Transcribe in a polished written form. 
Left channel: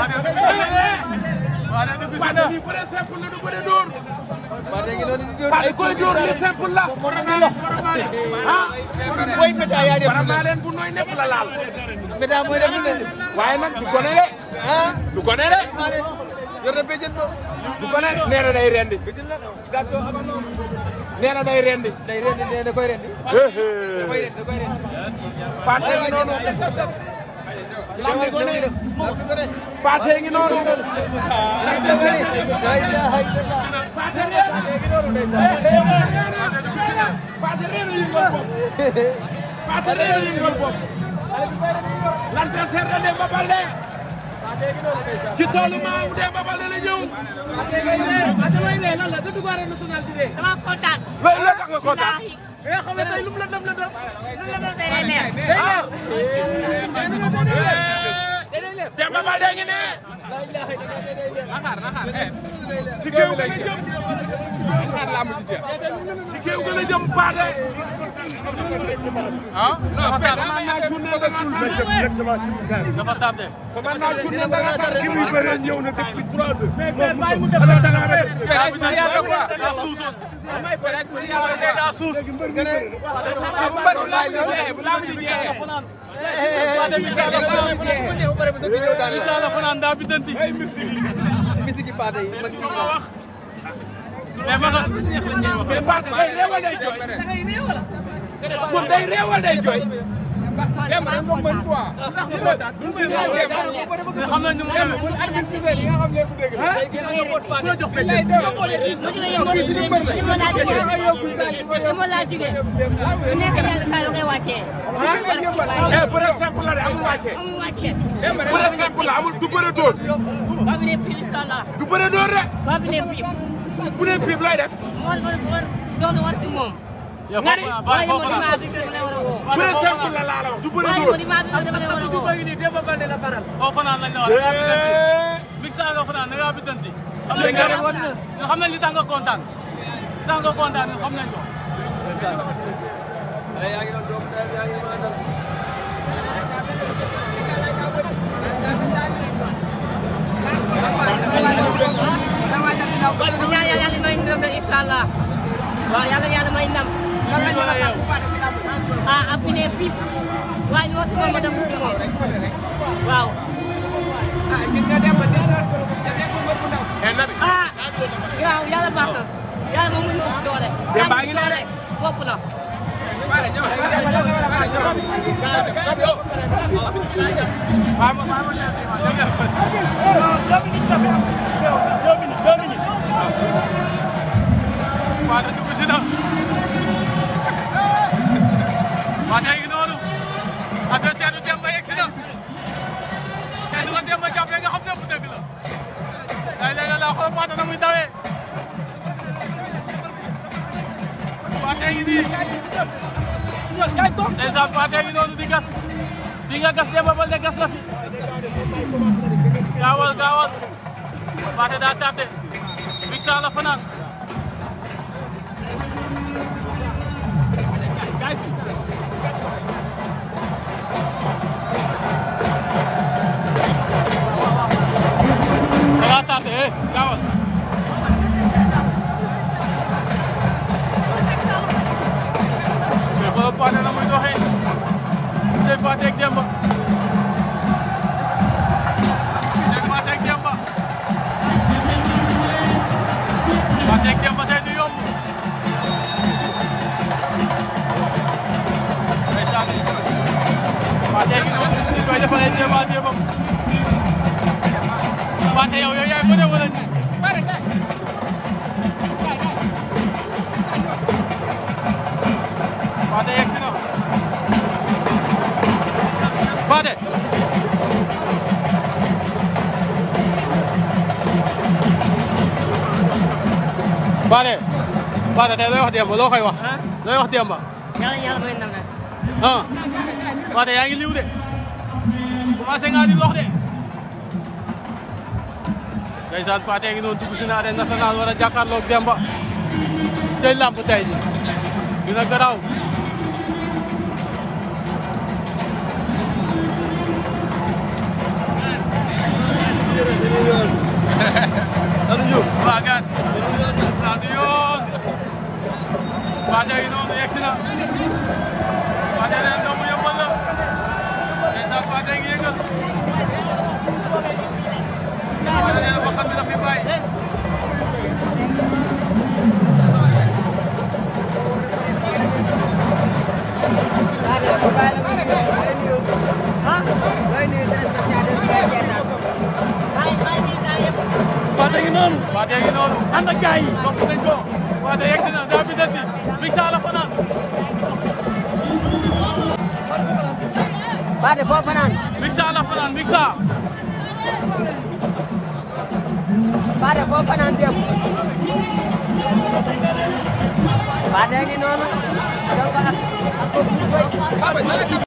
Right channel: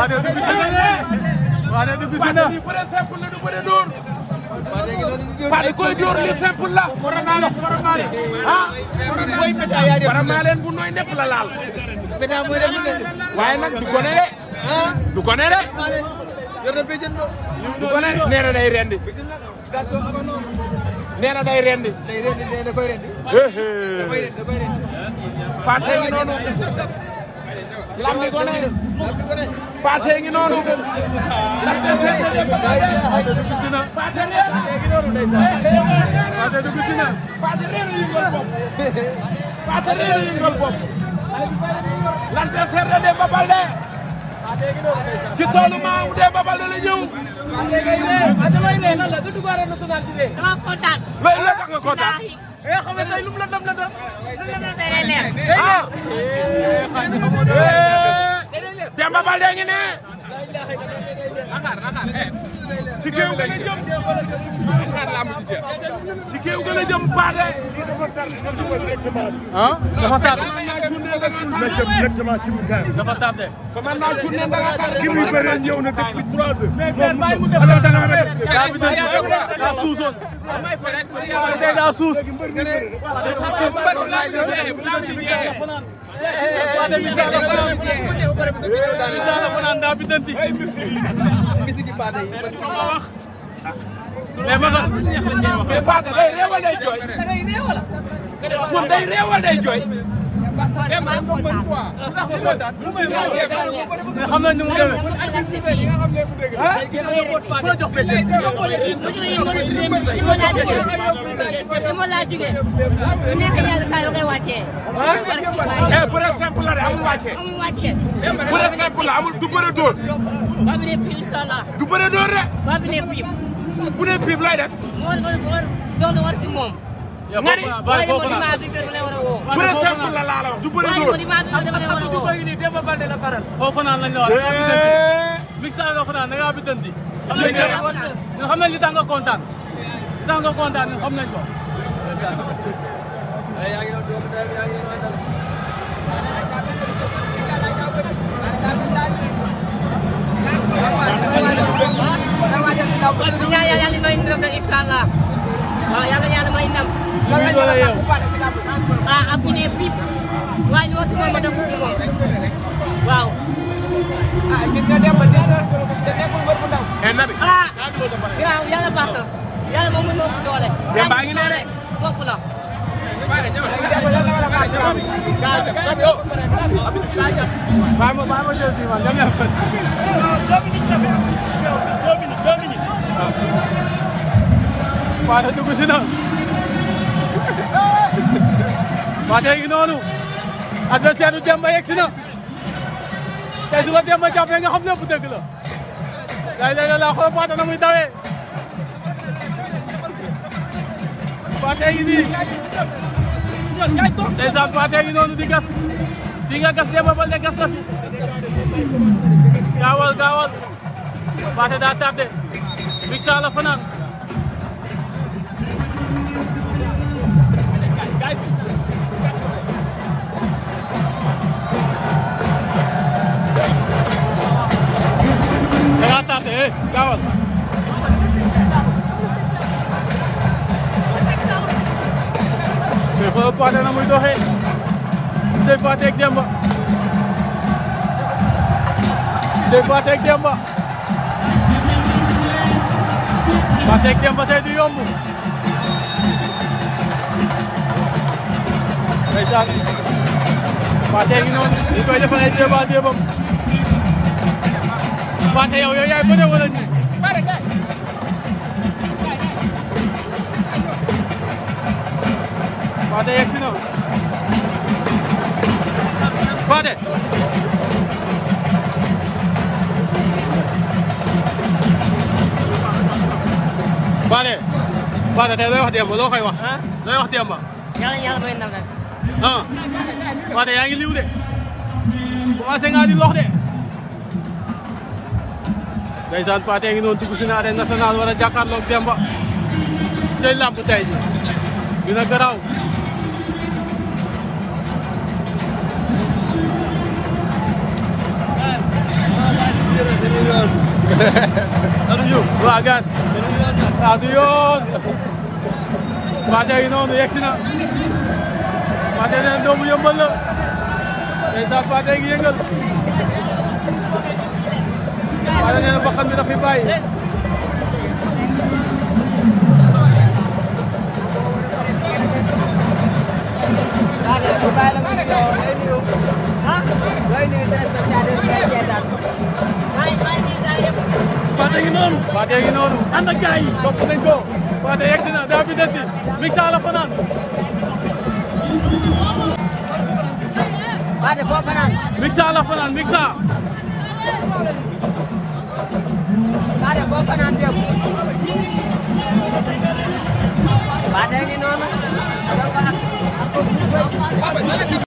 Pathé dugg si na de. Pathé dugg si na. bëre simple la du bëre dóor. Pathé koy dóor li simple la. Foromaale. Ah. mooy météo yaa def. Foromaale bu nooy def la laal. météo mooy def lu ne. waaye nag du ko ne de. ah du ko ne de. yor na béjjën ba. nee na day rendi. nee na day rendi. da koy rendi. Pathé Pathé ngi noonu. Pathé dugg si na. Pathé reena. Pathé dugg si na. Pathé reena yëngal bopp. Pathé reena yëngal bopp. l'adversaire de Demba Baldé. ci toolu maamu Demba Baldé la ñëw. damay ree lan la du dugg arène nationale bi de. dama kontaan. wallaahi. mais xam nga tey lu mu la dem la dem. lu la dem day leer. Demba Baldé ngi ne. nakaar. ci géew ga la jëm. nakaar laa mujj jeex. ci géew ga la jëm Pathé. ah dafa tardé. dafa tardé. daa suusoon. daa suus. Isa la fanaan daa bitanti. mais ma xam. mais Pathé day réew wala day jooy. moom day réew wala day jooy. maa kontaan. mais xam nañ ni mu demee. ku la jox béykat. li ma laa jógee. bu nekk yàlla kaay la koy wàccee. amul wàccee. amul du bëre dóor. ba bi ne pire incha allah. du bëre dóor rek. ba bi ne pire. bu dee pire lay def. moo doon war si moom. waaye moo di maa bi dama lay war a woo. bëre simple la laala du bëre waaye moo di maa bi dama lay war a woo. foofu naan lañ la wax da ngaa bitanti. Mixa nga fanaan da ngaa bitanti. xam nañ li tax nga kontaan. li tax nga kontaan ñun xam nañ ko. yàlla may ndam rek incha allah. waaw yàlla may ndam. ah ab bi ne pip. waaye li ma si moom ma def ko si moom. waaw. ah waaw yàlla baax na. yàlla moom mën na ëpp doole. yàlla bu doole bopp la. ma jël si ma dem leen fa. Pathé dugg si na. Pathé ngi noonu. adversaire du Demba yegg si na. tey su ko Demba jàppee nga xam lépp dëgg la. léeg-léeg la xool Pathé na muy dawee. Pathé ngi nii. ndeysaan Pathé ngi noonu di gas. di nga gas Demba Baldé gas la fi. gaawal. Pathé daa tardé. Mixa la fanaan. daa tardé gaawal. mais xoolal Pathé na muy doxee. gisee Pathé ak Demba. Pathé ak Demba tey du yomb. ndeysaan. Pathé ngi noonu ñu koy defal ay débat. Pathé yow yaay bëre wala ñu. Pathé yegg si na. Pathé. Pathé tey looy wax Demba loo koy wax. looy wax Demba. yàlla may ndam rek. ah Pathé yaa ngi liw de. commencé nga di lox de. ndeysaan Pathé ngi noonu dugg si na arène nationale war a jàkkaarloog Demba. tey làmb tey ji dina garaaw. Wagan. Satu yoon. Pathé yi noonu yegsi na. Pathé nee na doomu Yeumbeul la. ndeysaan Pathé gi yëngal. Pathé nee na bakkan bi la fi bàyyi. Pathé gi noonu. ànd ak gars yi. topp nañ ko. Pathé yegsi na daa bi dëkk. Mixa la fanaan. Pathé foo fanaan. Mixa la fanaan Mixa. Pathé foo fanaan dem. Pathé ngi noonu.